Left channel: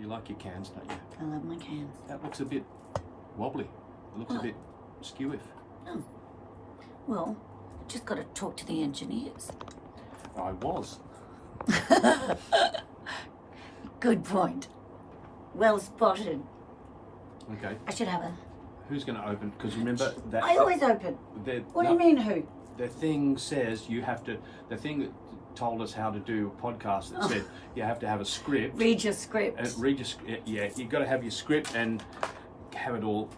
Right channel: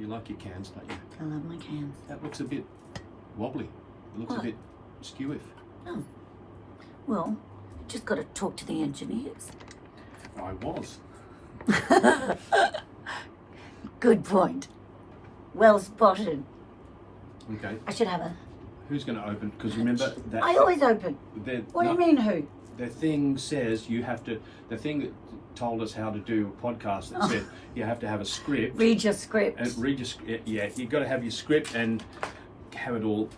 You like your cans, don't you? I love my cans. That looks a bit wobbly. It looks a bit skewiff. Oh. Well, you just got to talk to the engineers. I was. Good point. Well spotted. Okay. I should have a... Who's going to open? Because remember that... I always open. What do you mean who? The thing says you have to... The thing that told us how to do a podcast that said you have to have a script. Read your script. Yeah, you've got to have your script and have it all,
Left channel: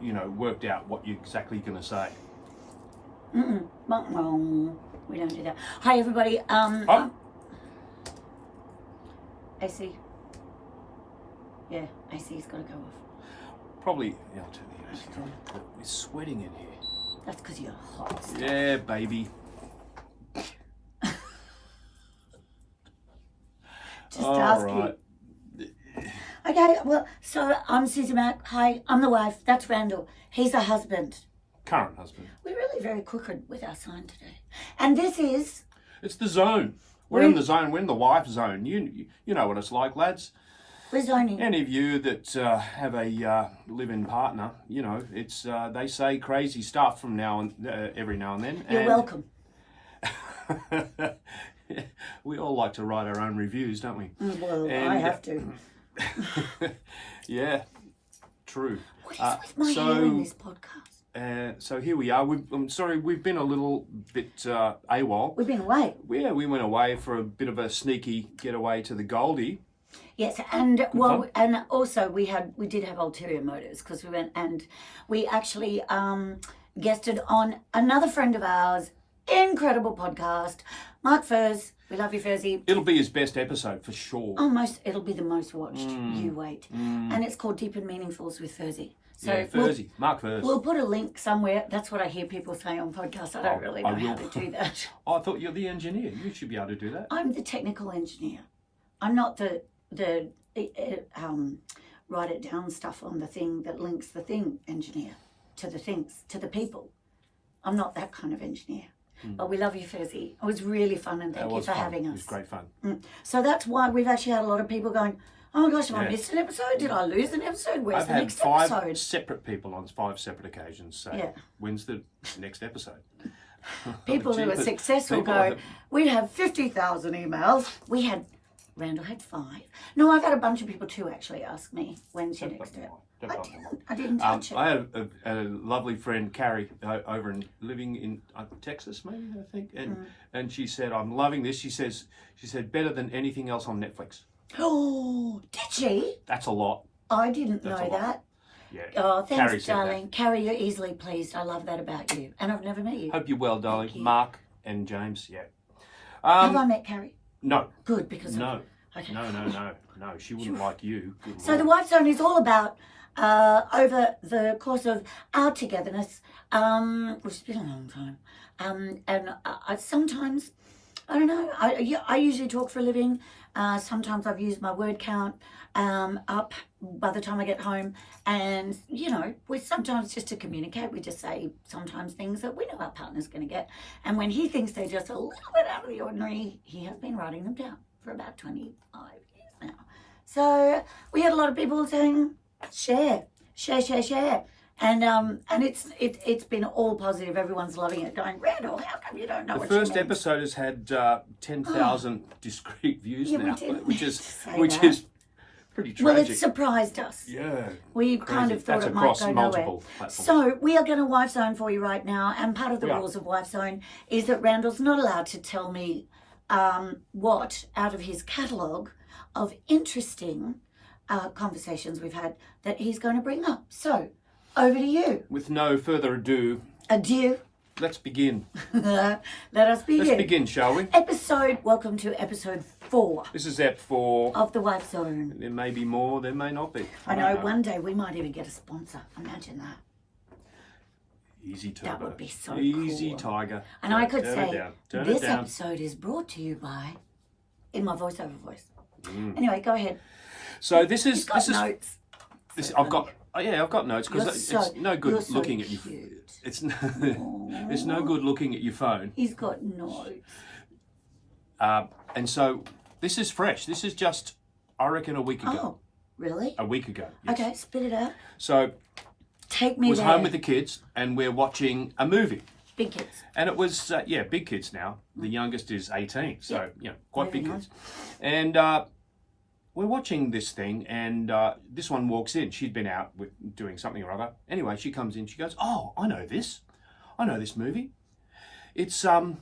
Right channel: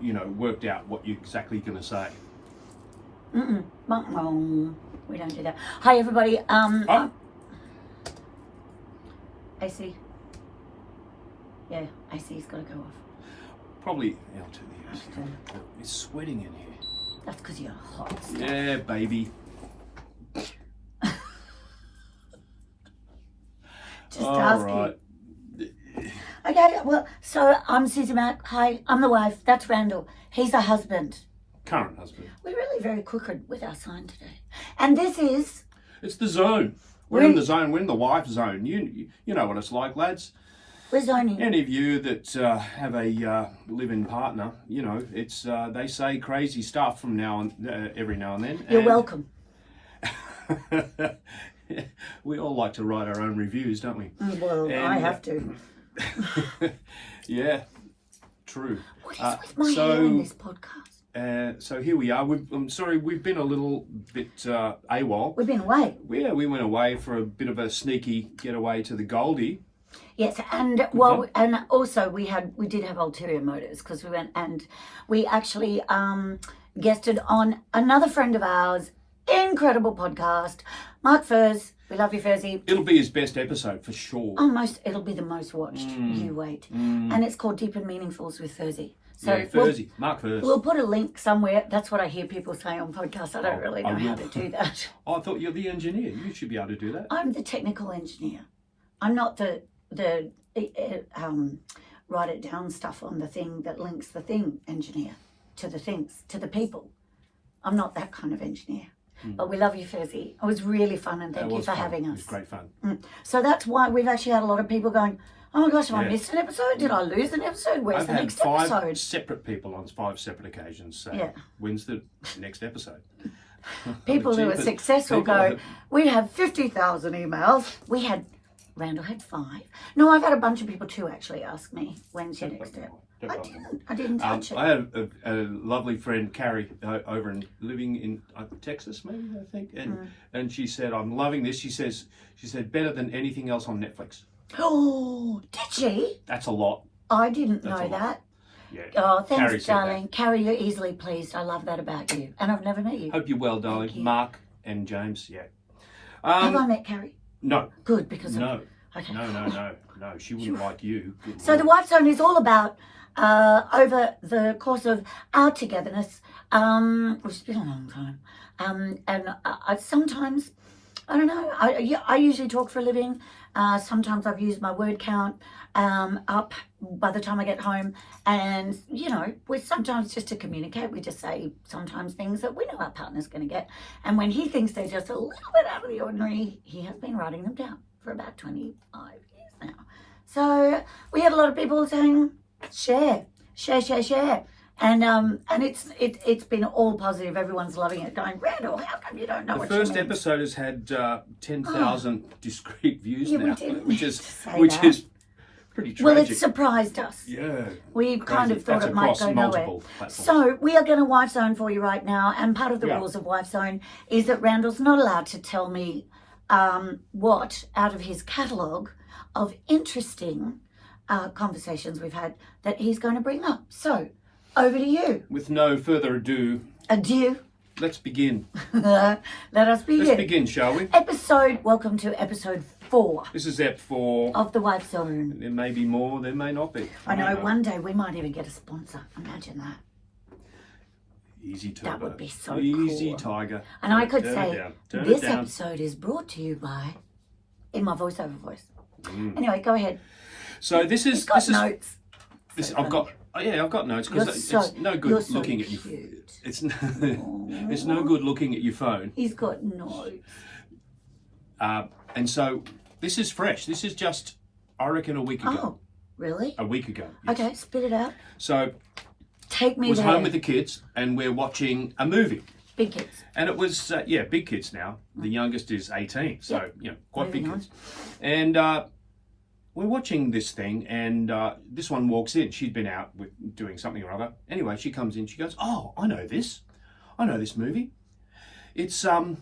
worked out what you're exactly going to say. We don't do that. Hi, everybody. AC. Yeah, AC's got to go off. Probably L to the AC. It's sweating in here. That's because you're hot. Yeah, baby. Just ask you. Okay, well, so I'm Susie Mac. Hi, I'm the wife. That's Randall. He's the husband. Current husband. We're really very crooked with our sign today. And this is... It's the zone. We're in the zone. We're in the wife zone. You know what it's like, lads. We're zoning. Any of you that have a live-in partner, it's they say crazy stuff from every now and then. You're welcome. We all like to write our own reviews, don't we? Well, I have to. Yeah, true. What is with my hair in this podcast? So here we are. I'm sorry, we've been a little bit AWOL. We've been away. Yeah, we went away for a bit of a sneaky getaway to the Goldie. Yes, and also we did have ulterior motives because we went and we actually guested on another friend of ours, incredible podcast, Mark Furs. We love you, Furzy. It'll be his best episode for sure. It'll be the most watched. You wait. And it's called Deep and Meaningfuls with Furzy. So yeah, Furzy, Mark Furs. We'll put a link somewhere. That's what I hear people say on podcasts. I don't really know how to do that. I thought you're the engineer. You should be able to do that. I'm the technical engineer. I'm not the write it down stuff on the thing that links the thing engineer to the things, to the people. I'm not that kind of engineer. But we love you, Furzy. It was really fun, and thank you for having us. It was great fun. So that's why we've actually had a lot of people going, oh my gosh, have I missed an episode? Did I lose an episode? Where's the next episode? I've had 5 separate people on 5 separate occasions say, when's the next episode? People who are successful go, we have 50,000 emails. Randall had 5. No, I've had a bunch of people too actually ask me, when's your next step? I didn't touch it. I had a lovely friend, Carrie, living in Texas, maybe, I think, and she said, I'm loving this. She said, better than anything else on Netflix. Oh, did she? That's a lot. I didn't know that. Yeah. Oh, thanks, Carrie darling. Carrie, you're easily pleased. I love that about you. And I've never met you. Hope you're well, darling. Mark and James, yeah. Have I met Carrie? No. Good, because No. Okay. No. She wouldn't like you. Good So Lord. the Wife Zone is all about, over the course of our togetherness, which has been a long time, and I sometimes, I don't know, I usually talk for a living. Sometimes I've used my word count up by the time I get home, and we sometimes just to communicate, we just say sometimes things that we know our partner's going to get, and when he thinks they're just a little bit out of the ordinary, he has been writing them down for about 25 years now. So we had a lot of people saying, share, and it's been all positive. Everyone's loving it. Going, Randall, how come you don't know what you mean? The first episode has had 10,000 discrete views now, which is pretty tragic. Well, it surprised us. Yeah. We kind of thought it might go nowhere. So we are going to Wife Zone for you right now, and part of the rules of Wife Zone is that Randall's not allowed to tell me what out of his catalogue of interesting conversations we've had that he's going to bring up. So, over to you. With no further ado. Adieu. Let's begin. Let us begin. Let's begin, shall we? Welcome to episode 4. This is Ep 4. Of the Wife Zone. There may be more, there may not be. I know, one day we might even get a sponsor. Imagine that. Easy Turbo. That would be so cool. Easy Tiger. And I could say, this episode is brought to you by, in my voiceover voice. Anyway, go ahead. So this is... He's got notes. I've got notes because it's no good looking at you. It's no good looking at your phone. He's got notes. And so this is fresh. This is just I reckon a week ago. Oh, really? A week ago. Yes. Okay, spit it out. So Take I me was there. home with the kids, and we're watching a movie. Big kids. And it was, big kids now. The youngest is 18, so, quite big Moving kids. And we're watching this thing, and this one walks in. She'd been out doing something or other. Anyway, she comes in, she goes, "Oh, I know this. I know this movie. It's... Oh,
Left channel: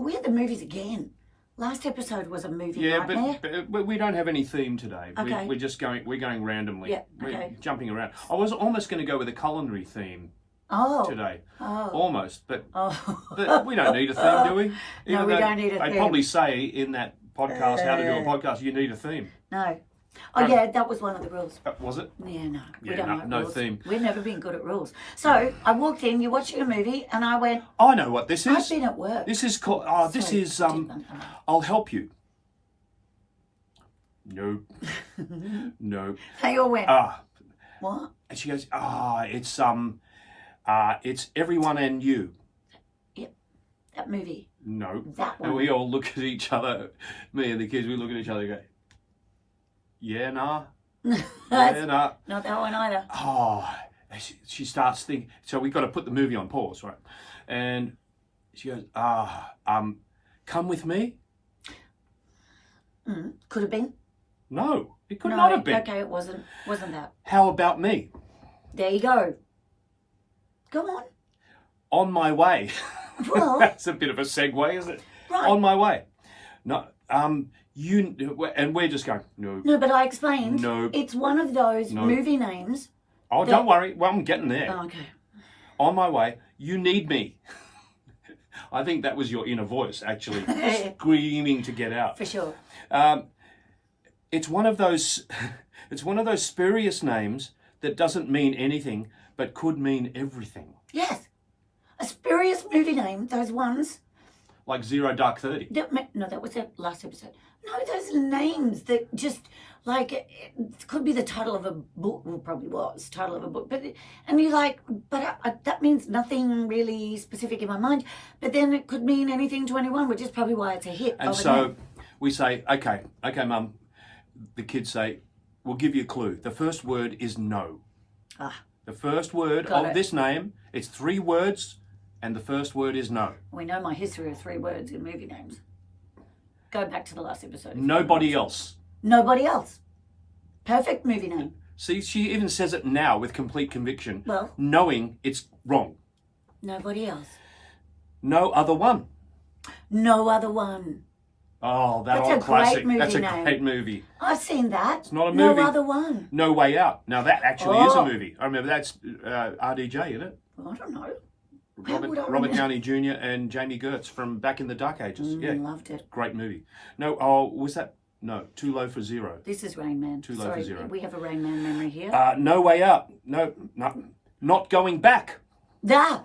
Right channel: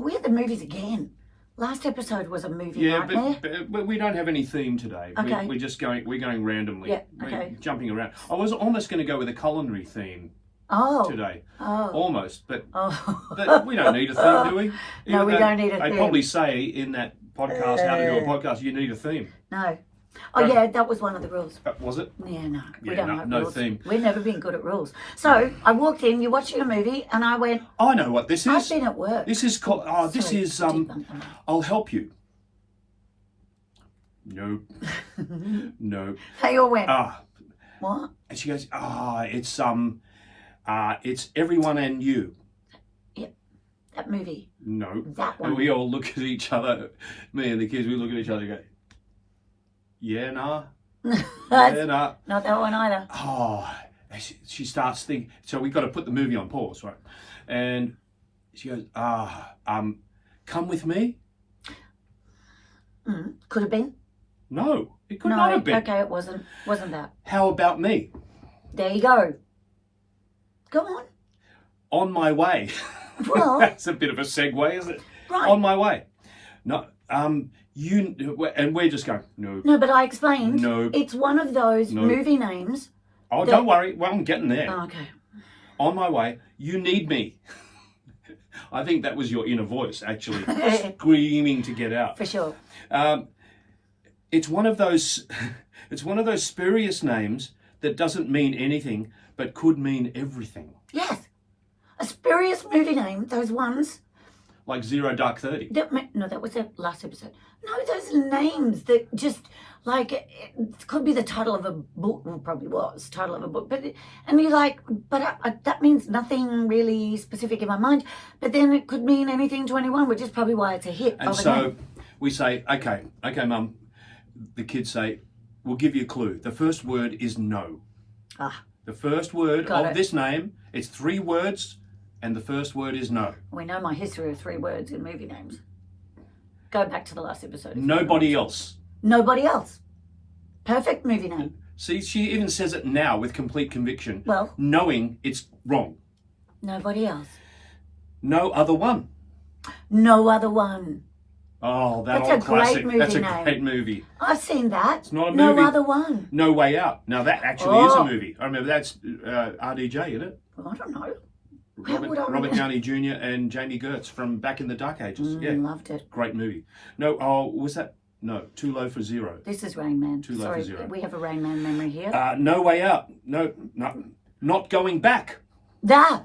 we had the movies again. Last episode was a movie nightmare. but we don't have any theme today. Okay. We're going randomly. Yeah, okay. We're jumping around. I was almost going to go with a culinary theme today. Oh. Almost, but Oh. we don't need a theme, do we? No, Even we though don't need a They theme. probably say in that podcast, how to do a podcast, you need a theme. No. Oh, yeah, that was one of the rules. Was it? Yeah, no. We Yeah, don't like no rules. theme. We've never been good at rules. So I walked in, you're watching a movie, and I went, I know what this is. I've been at work. This is called. This Sorry, is. deep bump them. I'll help you. No. No. They all went, Ah. what? And she goes, it's Everyone and You. That movie. No. That And one. we all look at each other, me and the kids, we look at each other and go, yeah, nah. That's Yeah, nah. not that one either. Oh, she starts thinking, so we've got to put the movie on pause, right? And she goes, Come With Me? Could have been. No, it could No, not have been. okay, it wasn't that. How About Me? There you go. Go on. On My Way. Well, That's a bit of a segue, isn't it? right. On My Way. No, and we're just going, no. No, but I explained. No. It's one of those No. movie names. Oh, don't worry. Well, I'm getting there. Oh, okay. On My Way. You Need Me. I think that was your inner voice, actually, screaming to get out. For sure. It's one of those. It's one of those spurious names that doesn't mean anything, but could mean everything. Yes. A spurious movie name, those ones. Like Zero Dark 30. No, that was the last episode. No, those names that just, like, it could be the title of a book. Well, probably was title of a book. And you're like, but that means nothing really specific in my mind. But then it could mean anything to anyone, which is probably why it's a hit. And so we say, okay, Mum. The kids say, we'll give you a clue. The first word is no. The first word of this name, it's 3 words, and the first word is no. We know my history of 3 words in movie names. Go back to the last episode. Nobody else. Nobody else. Perfect movie name. See, she even says it now with complete conviction, Well, knowing it's wrong. nobody else. No Other One. No Other One. Oh, that's That's a classic. great movie That's a name. great movie. I've seen that. It's not a No movie. Other One. No Way Out. Now that actually is a movie. I remember that's RDJ, isn't it? I don't know. Robert remember? Downey Jr. and Jamie Gertz from back in the Dark Ages. Yeah, Loved it. great movie. No, was that? No, Too Low for Zero. This is Rain Man. Too Low Sorry, for Zero. we have a Rain Man memory here. No Way Out. No, Not Going Back.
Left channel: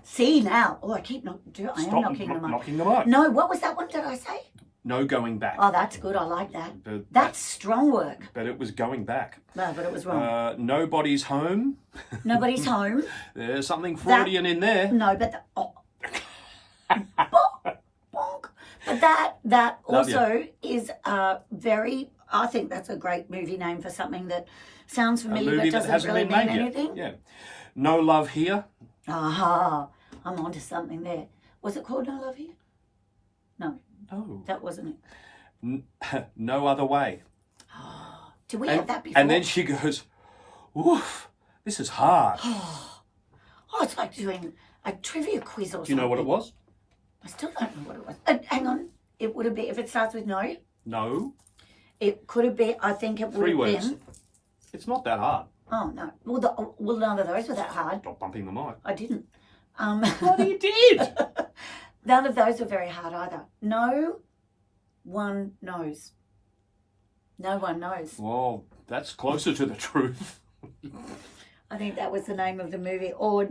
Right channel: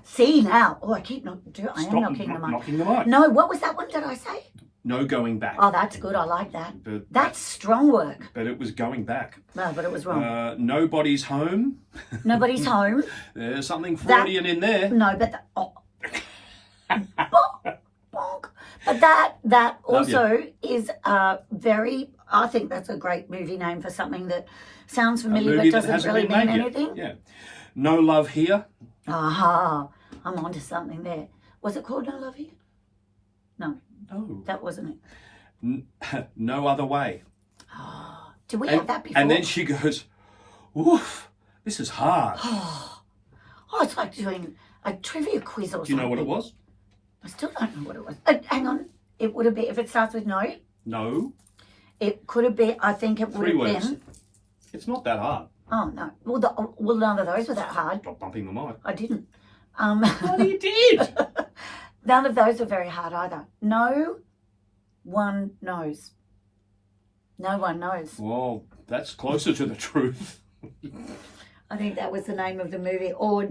See now. Oh, I am Stop knocking the mic. knocking the mic. No, what was that one? Did I say? No Going Back. Oh, that's good. I like that. But That's strong work. But it was going back. No, but it was wrong. Nobody's Home. Nobody's home. There's something Freudian in there. No, but bonk. But that also is very. I think that's a great movie name for something that sounds familiar but doesn't really mean anything. Yeah. No Love Here. Aha, I'm onto something there. Was it called No Love Here? No, No. that wasn't it. No Other Way. Did we have that before? And then she goes, "Oof, this is hard." Oh, it's like doing a trivia quiz or something. Do you know what it was? I still don't know what it was. Hang on. It would have been, if it starts with no, No. it could have been, I think it would 3 have words. been. It's not that hard. Oh, no. Well, none of those were that hard. Stop bumping the mic. I didn't. What you did? None of those were very hard either. No one knows. No one knows. Well, that's closer to the truth. I think that was the name of the movie. Or,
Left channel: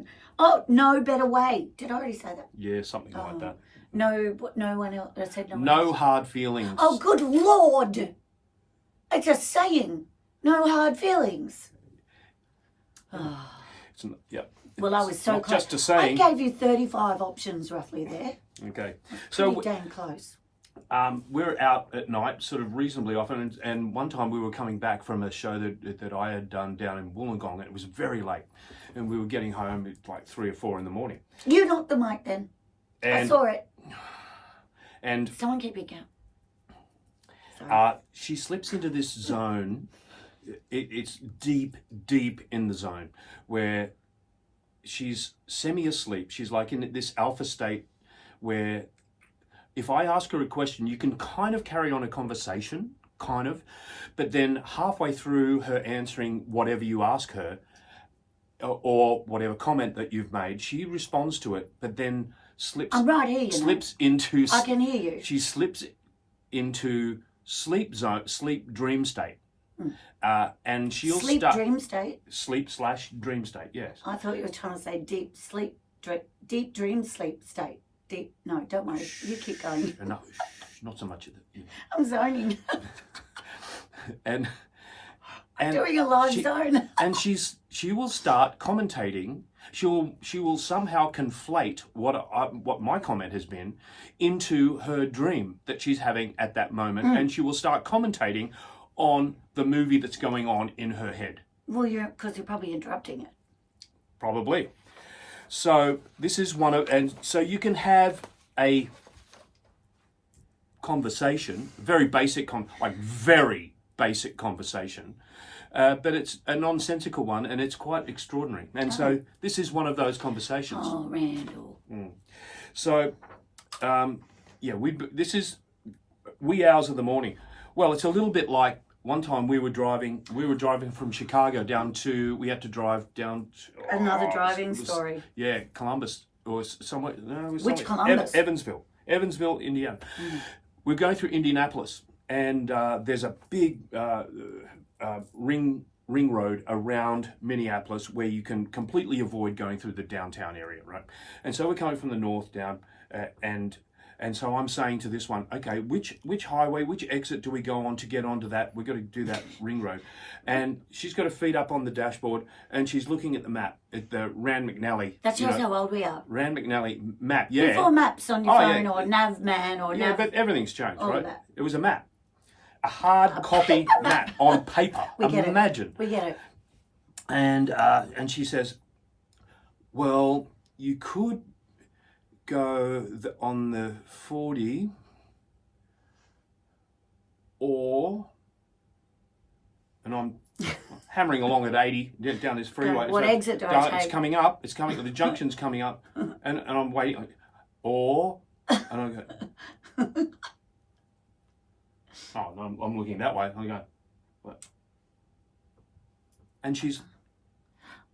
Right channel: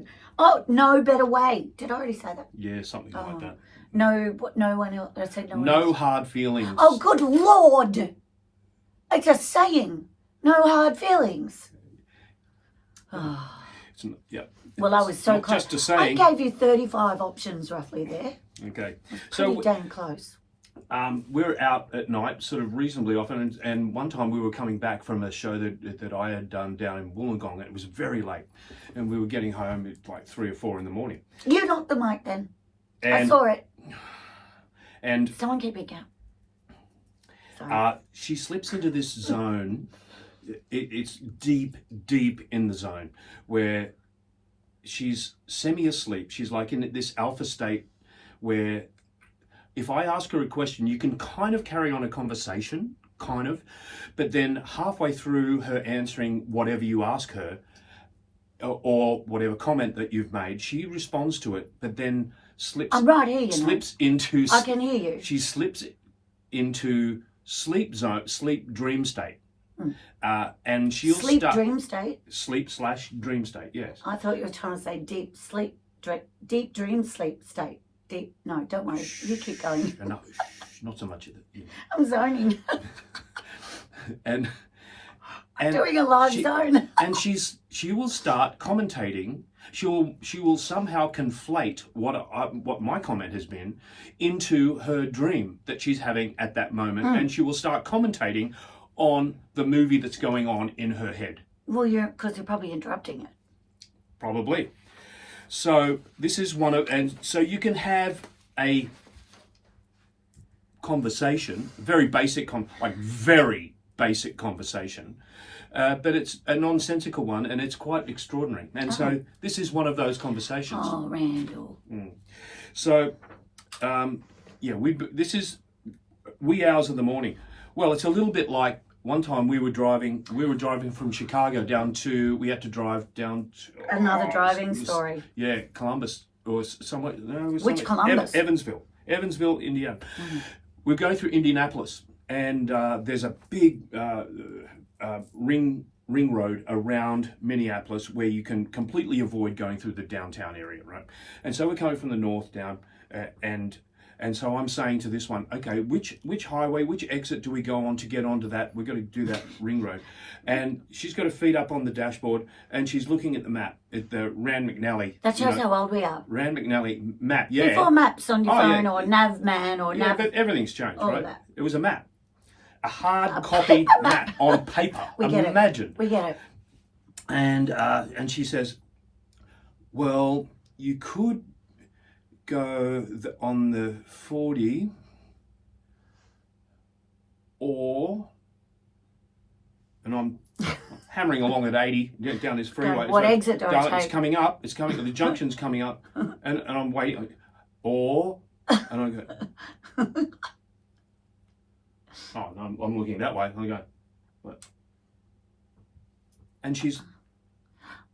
No Better Way. Did I already say that? Yeah, something like that. No one else. I said no one No else. Hard Feelings. Oh, good Lord. It's a saying. No hard feelings. It's not, yeah. Well, I was so not close. just a saying. I gave you 35 options roughly there. Okay. Pretty So damn close. we're out at night sort of reasonably often, and one time we were coming back from a show that I had done down in Wollongong, and it was very late, and we were getting home at like 3 or 4 in the morning. You knocked the mic then. And, I saw it. And someone keep it going. She slips into this zone. It's deep, deep in the zone where she's semi-asleep. She's like in this alpha state where if I ask her a question, you can kind of carry on a conversation, kind of, but then halfway through her answering whatever you ask her or whatever comment that you've made, she responds to it, but then slips. I'm right here, into. I can hear you. She slips into sleep dream state. And she'll dream state? Sleep/dream state, yes. I thought you were trying to say deep dream sleep state. No, don't worry. You keep going. No, not so much of it. Yeah. I'm zoning. and I'm doing a live zone. And she will start commentating. She will somehow conflate what my comment has been into her dream that she's having at that moment, and she will start commentating on the movie that's going on in her head. Well, because you're probably interrupting it. Probably. So this is and so you can have a conversation, very basic conversation, but it's a nonsensical one, and it's quite extraordinary. And so this is one of those conversations. Oh, Randall. So, this is wee hours of the morning. Well, it's a little bit like one time we were driving from Chicago we had to drive down to... Another driving story. Yeah, Columbus, or somewhere... No, Which Columbus? Evansville, Indiana. We're going through Indianapolis, and there's a big ring road around Minneapolis where you can completely avoid going through the downtown area, right? And so we're coming from the north down, and so I'm saying to this one, okay, which highway, which exit do we go on to get onto that? We're going to do that ring road. And she's got her feet up on the dashboard, and she's looking at the map, at the Rand McNally. That shows how old we are. Rand McNally map, yeah. Before maps on your phone, or Navman, or Nav... Yeah, but everything's changed, right? That. It was a map. A hard copy map on paper. Imagine. We get it. And she says, well, you could go on the 40 and I'm hammering along at 80 down this freeway. What exit do I take? It's coming up. The junction's coming up, and I'm waiting. And I go, oh, no, I'm looking that way. I go, what? And she's.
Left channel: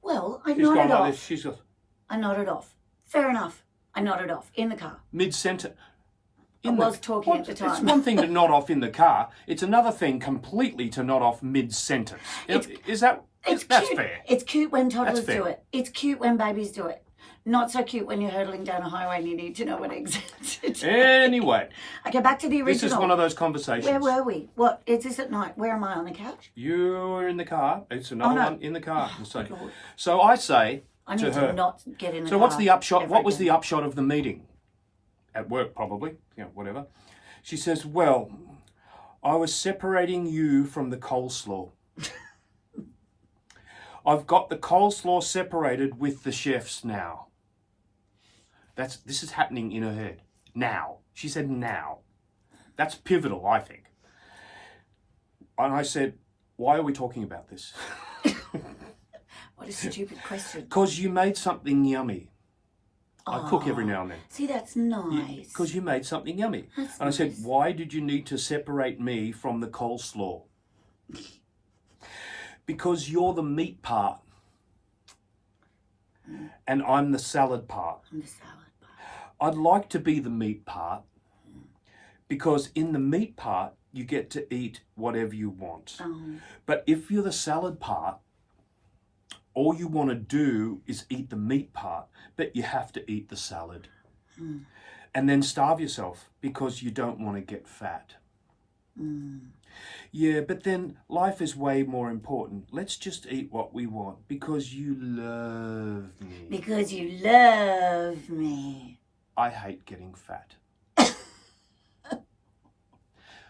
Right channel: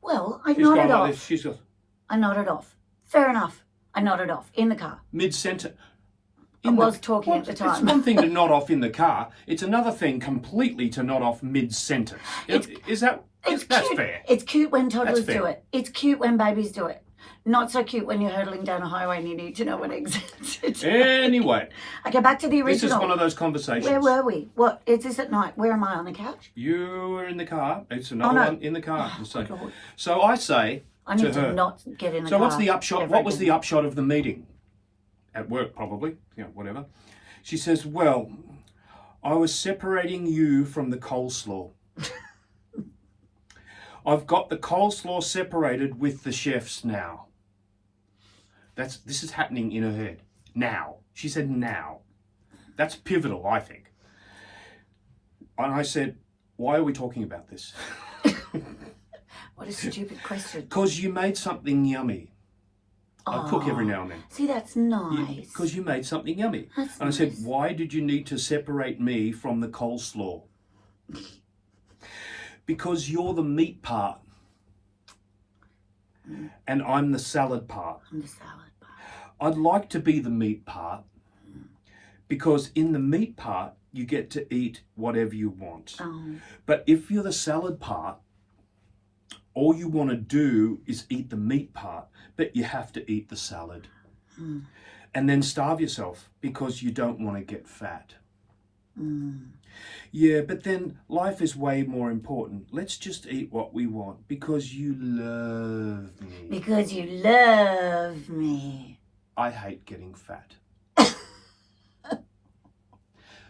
Well, I nodded off. She's got. I nodded off. Fair enough. I nodded off in the car. Mid-sentence. I was talking at the time. It's one thing to nod off in the car. It's another thing completely to nod off mid-sentence. That's fair. It's cute when toddlers do it. It's cute when babies do it. Not so cute when you're hurtling down a highway and you need to know what exit it is. Anyway. Okay, back to the original. This is one of those conversations. Where were we? What? Is this at night? Where am I, on the couch? You were in the car. It's another one in the car. So I say I need to her, not get in the car. So what's the upshot? What was the upshot of the meeting? At work, probably. Whatever. She says, well, I was separating you from the coleslaw. I've got the coleslaw separated with the chefs now. This is happening in her head. Now. She said now. That's pivotal, I think. And I said, why are we talking about this? What a stupid question. Because you made something yummy. I cook every now and then. See, that's nice. Because you made something yummy. That's and nice. I said, why did you need to separate me from the coleslaw? Because you're the meat part. And I'm the salad part. I'm the salad part. I'd like to be the meat part. Because in the meat part, you get to eat whatever you want. But if you're the salad part, all you want to do is eat the meat part, but you have to eat the salad. And then starve yourself because you don't want to get fat. Yeah, but then life is way more important. Let's just eat what we want because you love me. Because you love me. I hate getting fat.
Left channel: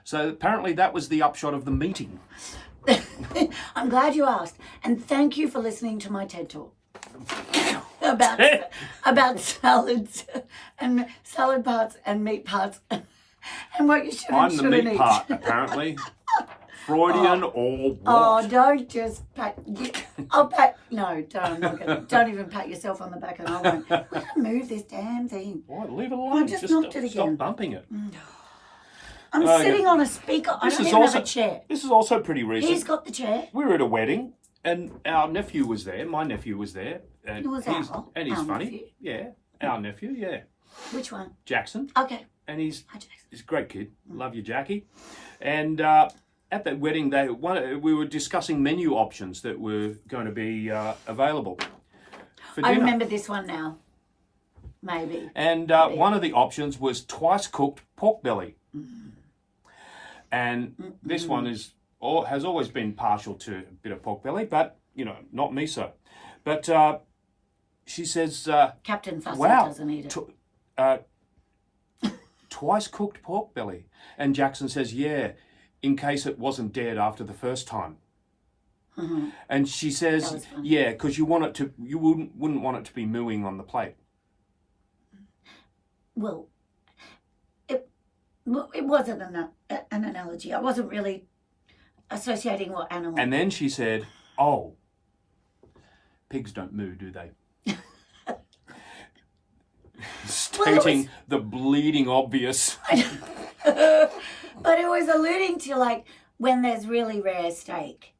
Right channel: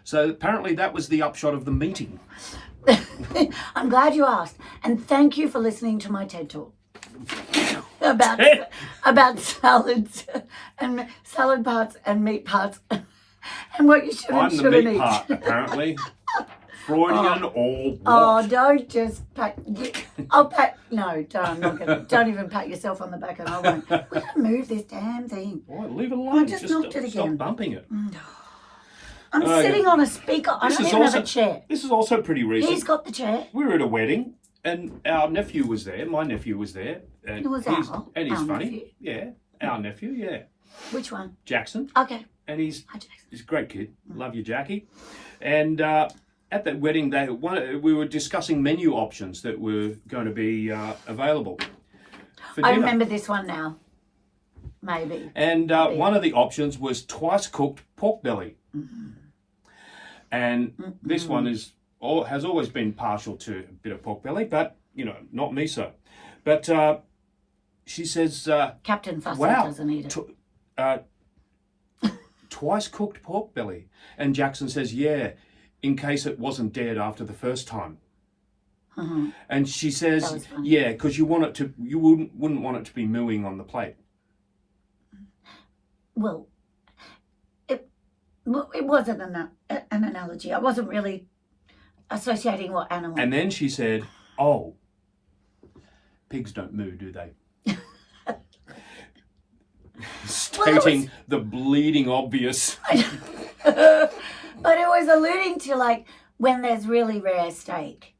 So apparently that was the upshot of the meeting. I'm glad you asked. And thank you for listening to my TED Talk about salads and salad parts and meat parts and what you should and shouldn't eat. I'm the meat part, apparently. Freudian or what? Oh, don't just pat. I'll pat. No, don't. I'm not gonna. Don't even pat yourself on the back, and I won't. We're gonna move this damn thing. Why? Leave it alone. I just knocked it again. Stop bumping it. I'm sitting on a speaker. I don't even have a chair. This is also pretty recent. He's got the chair. We were at a wedding, and our nephew was there. My nephew was there. And It was he's our funny. nephew. Yeah, our nephew, yeah. Which one? Jackson. Okay. And he's Hi, Jackson. a great kid. Love you, Jackie. And at that wedding, we were discussing menu options that were going to be available for dinner. I remember this one now. Maybe. And one of the options was twice cooked pork belly. And this one has always been partial to a bit of pork belly, but, not miso. But she says... Captain Fussy doesn't eat it. Twice cooked pork belly. And Jackson says, yeah, in case it wasn't dead after the first time. And she says, yeah, because you wouldn't want it to be mooing on the plate. Well, it wasn't an analogy. I wasn't really associating what animal. And then she said, oh, pigs don't moo, do they? Stating the bleeding obvious. But it was alluding to like when there's really rare steak,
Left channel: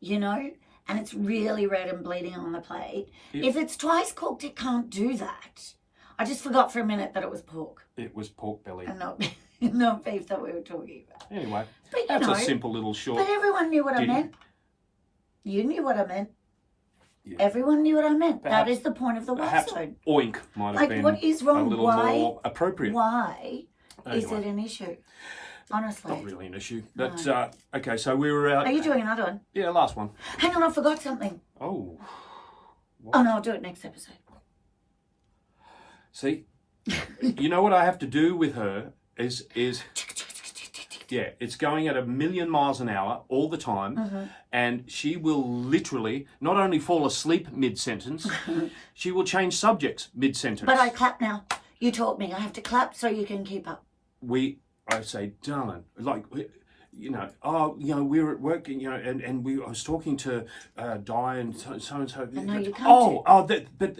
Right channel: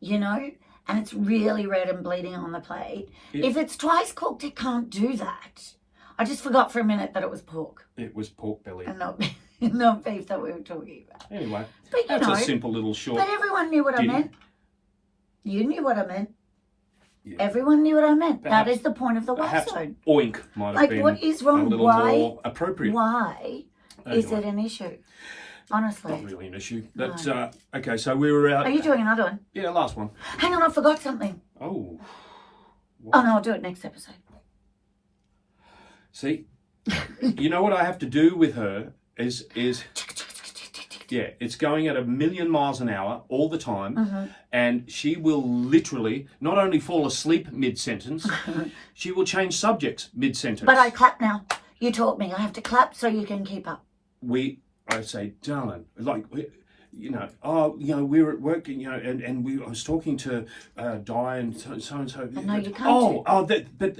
and it's really red and bleeding on the plate. If it's twice cooked, it can't do that. I just forgot for a minute that it was pork. It was pork belly. And not beef that we were talking about. Anyway, but, that's a simple little short. But everyone knew what I meant. You knew what I meant. Yeah. Everyone knew what I meant. Perhaps, that is the point of the episode. Oink might have been what is wrong? a little more appropriate. Why is it an issue? Honestly. Not really an issue. That's okay, so we were out. Are you doing another one? Yeah, the last one. Hang on, I forgot something. Oh. What? Oh no, I'll do it next episode. See? You know what I have to do with her is yeah, it's going at 1,000,000 miles an hour all the time, and she will literally not only fall asleep mid-sentence, she will change subjects mid-sentence. But I clap now. You taught me. I have to clap so you can keep up. I say, darling, like, we were at work, and I was talking to Di and so and so. No, you can't. But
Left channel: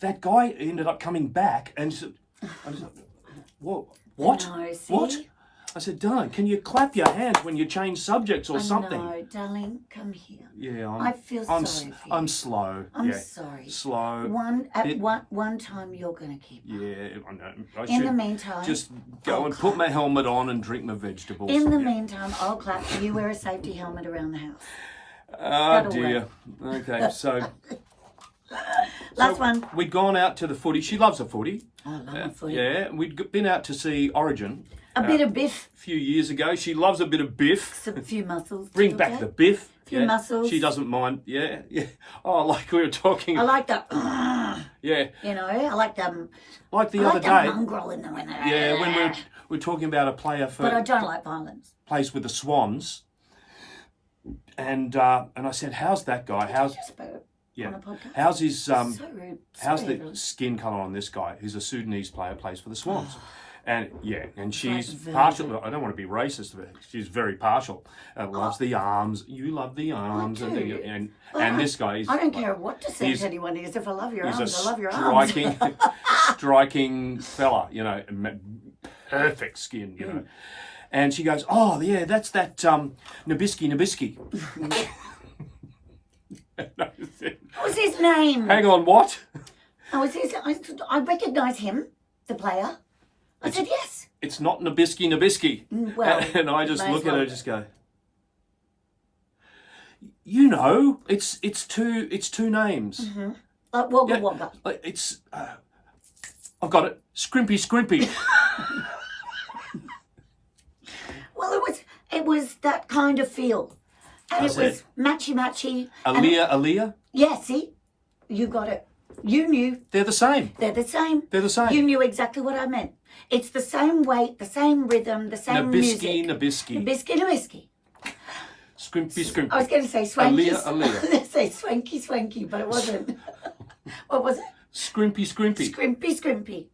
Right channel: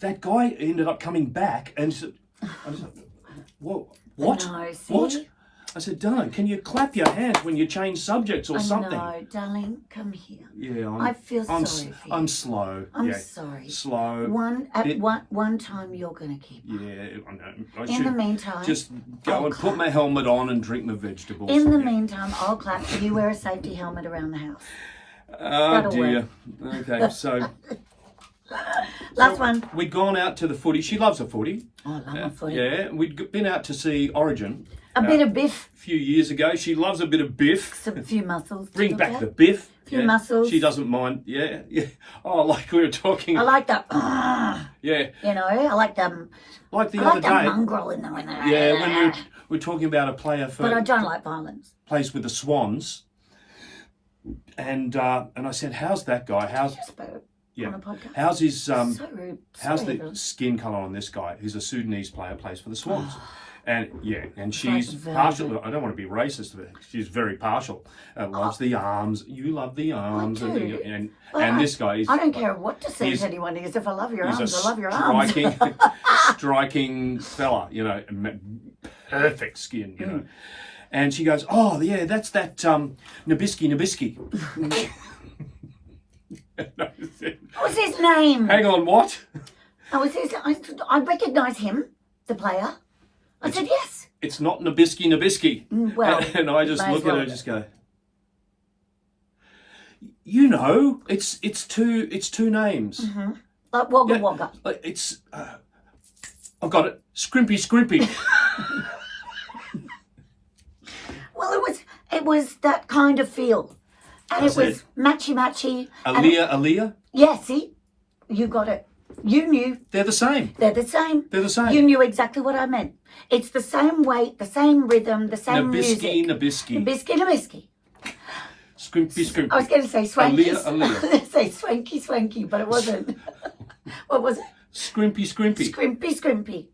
that guy ended up coming back, and I was like, what? No, see? What? I said, darling, can you clap your hands when you change subjects or something? No, darling, come here. Yeah, I feel sorry for you. I'm slow. I'm sorry. Slow. One time you're going to keep up. Yeah, I know. In the meantime, just go and put my helmet on and drink my vegetables. In the meantime, I'll clap so you wear a safety helmet around the house. Oh, dear. Okay, so... Last one. We'd gone out to the footy. She loves the footy. Oh, I love my footy. Yeah, we'd been out to see Origin. A bit of biff. A few years ago. She loves a bit of biff. A few muscles. Bring back the biff. A few muscles. She doesn't mind. Yeah. Oh, like we were talking. I like that. Yeah. I like them. Like the other day. I like the mongrel in the winter. Yeah, when we're talking about a player for... But I don't like violence. Plays with the Swans. And I said, how's that guy? How's... On a podcast. How's his so rude. how's the skin colour on this guy? He's a Sudanese player, plays for the Swans. And she's partial. I don't want to be racist, but she's very partial. Loves the arms. You love the arms. And this guy I don't care what descent anyone is. If I love your arms, I love your arms. Striking fella, perfect skin, And she goes, oh yeah, that's that Nabiski Nabiski. What's his name? Hang on, what? I recognise him, the player. I said yes. It's not Nabiski Nabiski. Well, and I just look at her and just go, it's two names. Mm-hmm. Like Wagga Wagga. It's I've got it. Scrimpy Scrimpy. Well, it was that kind of feel. And it was matchy. Aaliyah. Yeah, see? You got it. You knew. They're the same. They're the same. They're the same. You knew exactly what I meant. It's the same weight, the same rhythm, the same music. Nabiski. Nabiski Nabiski. Scrimpy, scrimpy. I was going to say swanky. Aaliyah. Say swanky, swanky, but it wasn't. What was it? Scrimpy, scrimpy. Scrimpy, scrimpy.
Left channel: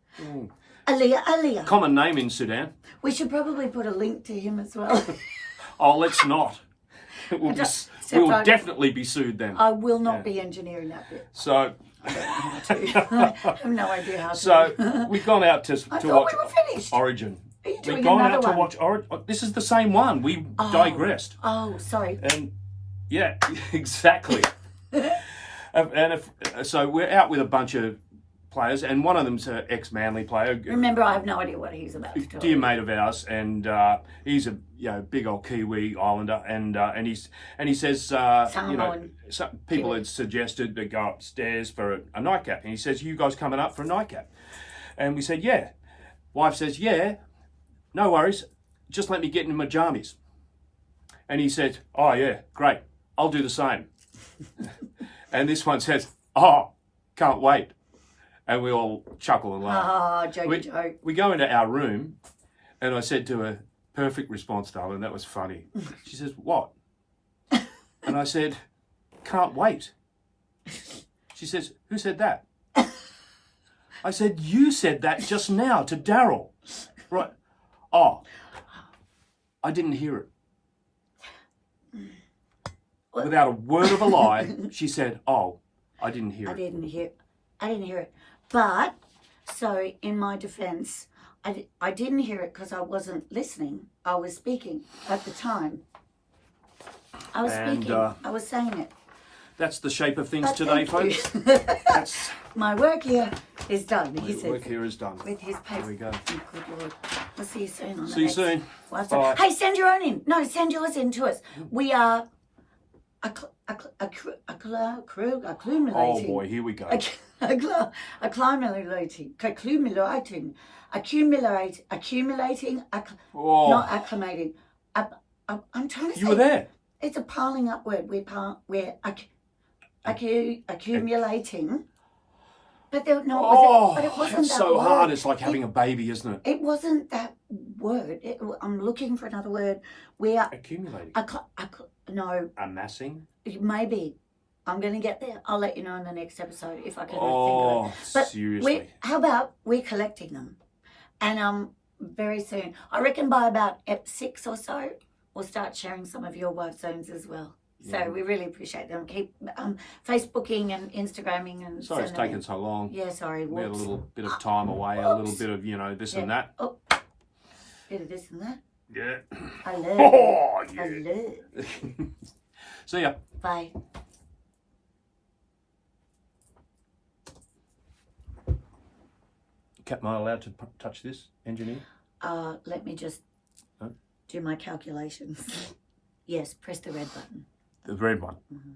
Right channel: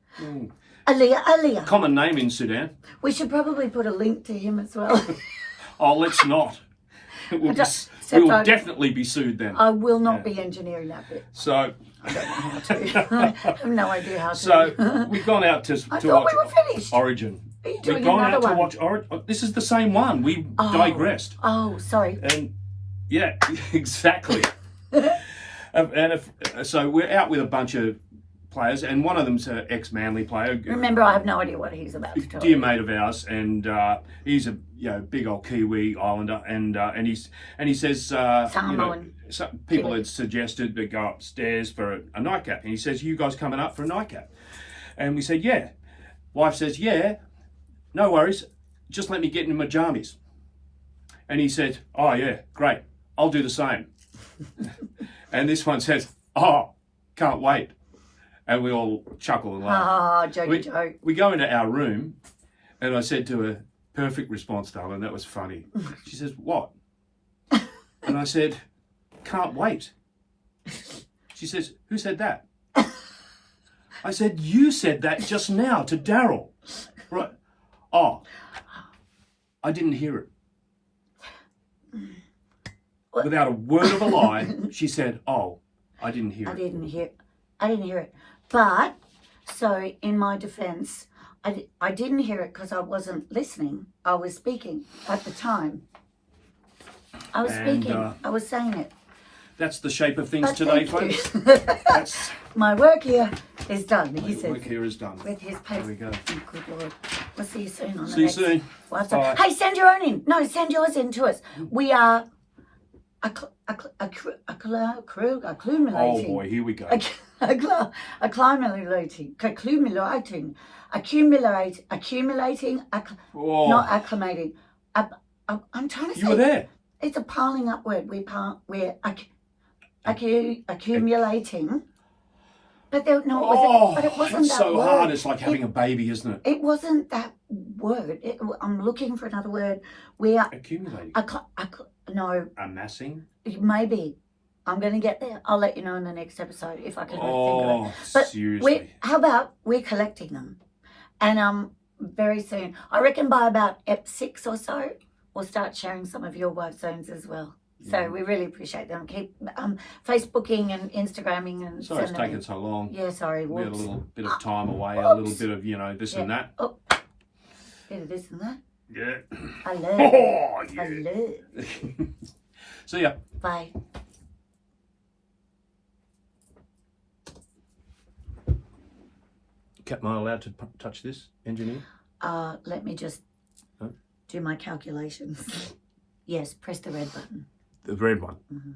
Aaliyah, Aaliyah. Common name in Sudan. We should probably put a link to him as well. Oh, let's not. We will definitely be sued then. I will not be engineering that bit. So, I don't know how to. I have no idea how to. So we've gone out to I watch thought we were finished. Origin. Are you doing We've gone another out to one? watch Origin. This is the same one. We digressed. Oh, sorry. And yeah, exactly. So we're out with a bunch of players, and one of them's an ex-Manly player. Remember, I have no idea what he's about to tell Dear you. mate of ours, and he's a big old Kiwi Islander, and he says Samoan. some people had suggested to go upstairs for a nightcap, and he says, "You guys coming up for a nightcap?" And we said, "Yeah." Wife says, "Yeah, no worries, just let me get in my jammies." And he said, "Oh yeah, great, I'll do the same." And this one says, "Oh, can't wait." And we all chuckle and laugh. Ah, jokey joke. We go into our room, and I said to her, "Perfect response, darling, that was funny." She says, "What?" And I said, "Can't wait." She says, "Who said that?" I said, "You said that just now to Daryl." Right. Oh, I didn't hear it. Without a word of a lie, she said, "Oh, I didn't hear it." I didn't hear it. But, so in my defense, I didn't hear it because I wasn't listening. I was speaking at the time. I was speaking. I was saying it. That's the shape of things But today, thank folks. you. That's My work here is done, he the says. work here is done. With his paper. There we go. Oh, good Lord. We'll see you soon on the See you next soon. WhatsApp. Hey, send your own in. No, send yours in to us. We are accumulating. Oh boy, here we go. Accumulating, Oh. not acclimating. I'm trying to say. You were there. It's a piling up word. We're accumulating. But it wasn't it's that so word. hard. It's like having a baby, isn't it? It wasn't that word. I'm looking for another word. We are Accumulating. no, Amassing. maybe. I'm going to get there. I'll let you know in the next episode if I can think of Oh, it. But seriously. how about we're collecting them, and very soon. I reckon by about ep 6 or so, we'll start sharing some of your wife zones as well. So we really appreciate them. Keep Facebooking and Instagramming and Sorry it's sending taken so long. Yeah, sorry. We had a Whoops. little bit of time away, a little bit of, this and that. Oh, bit of this and that. Yeah. I love. Oh, yeah. I love. See ya. Bye. Am I allowed to touch this, engineer? Let me just do my calculations. Yes, press the red button. The red one. Mm-hmm.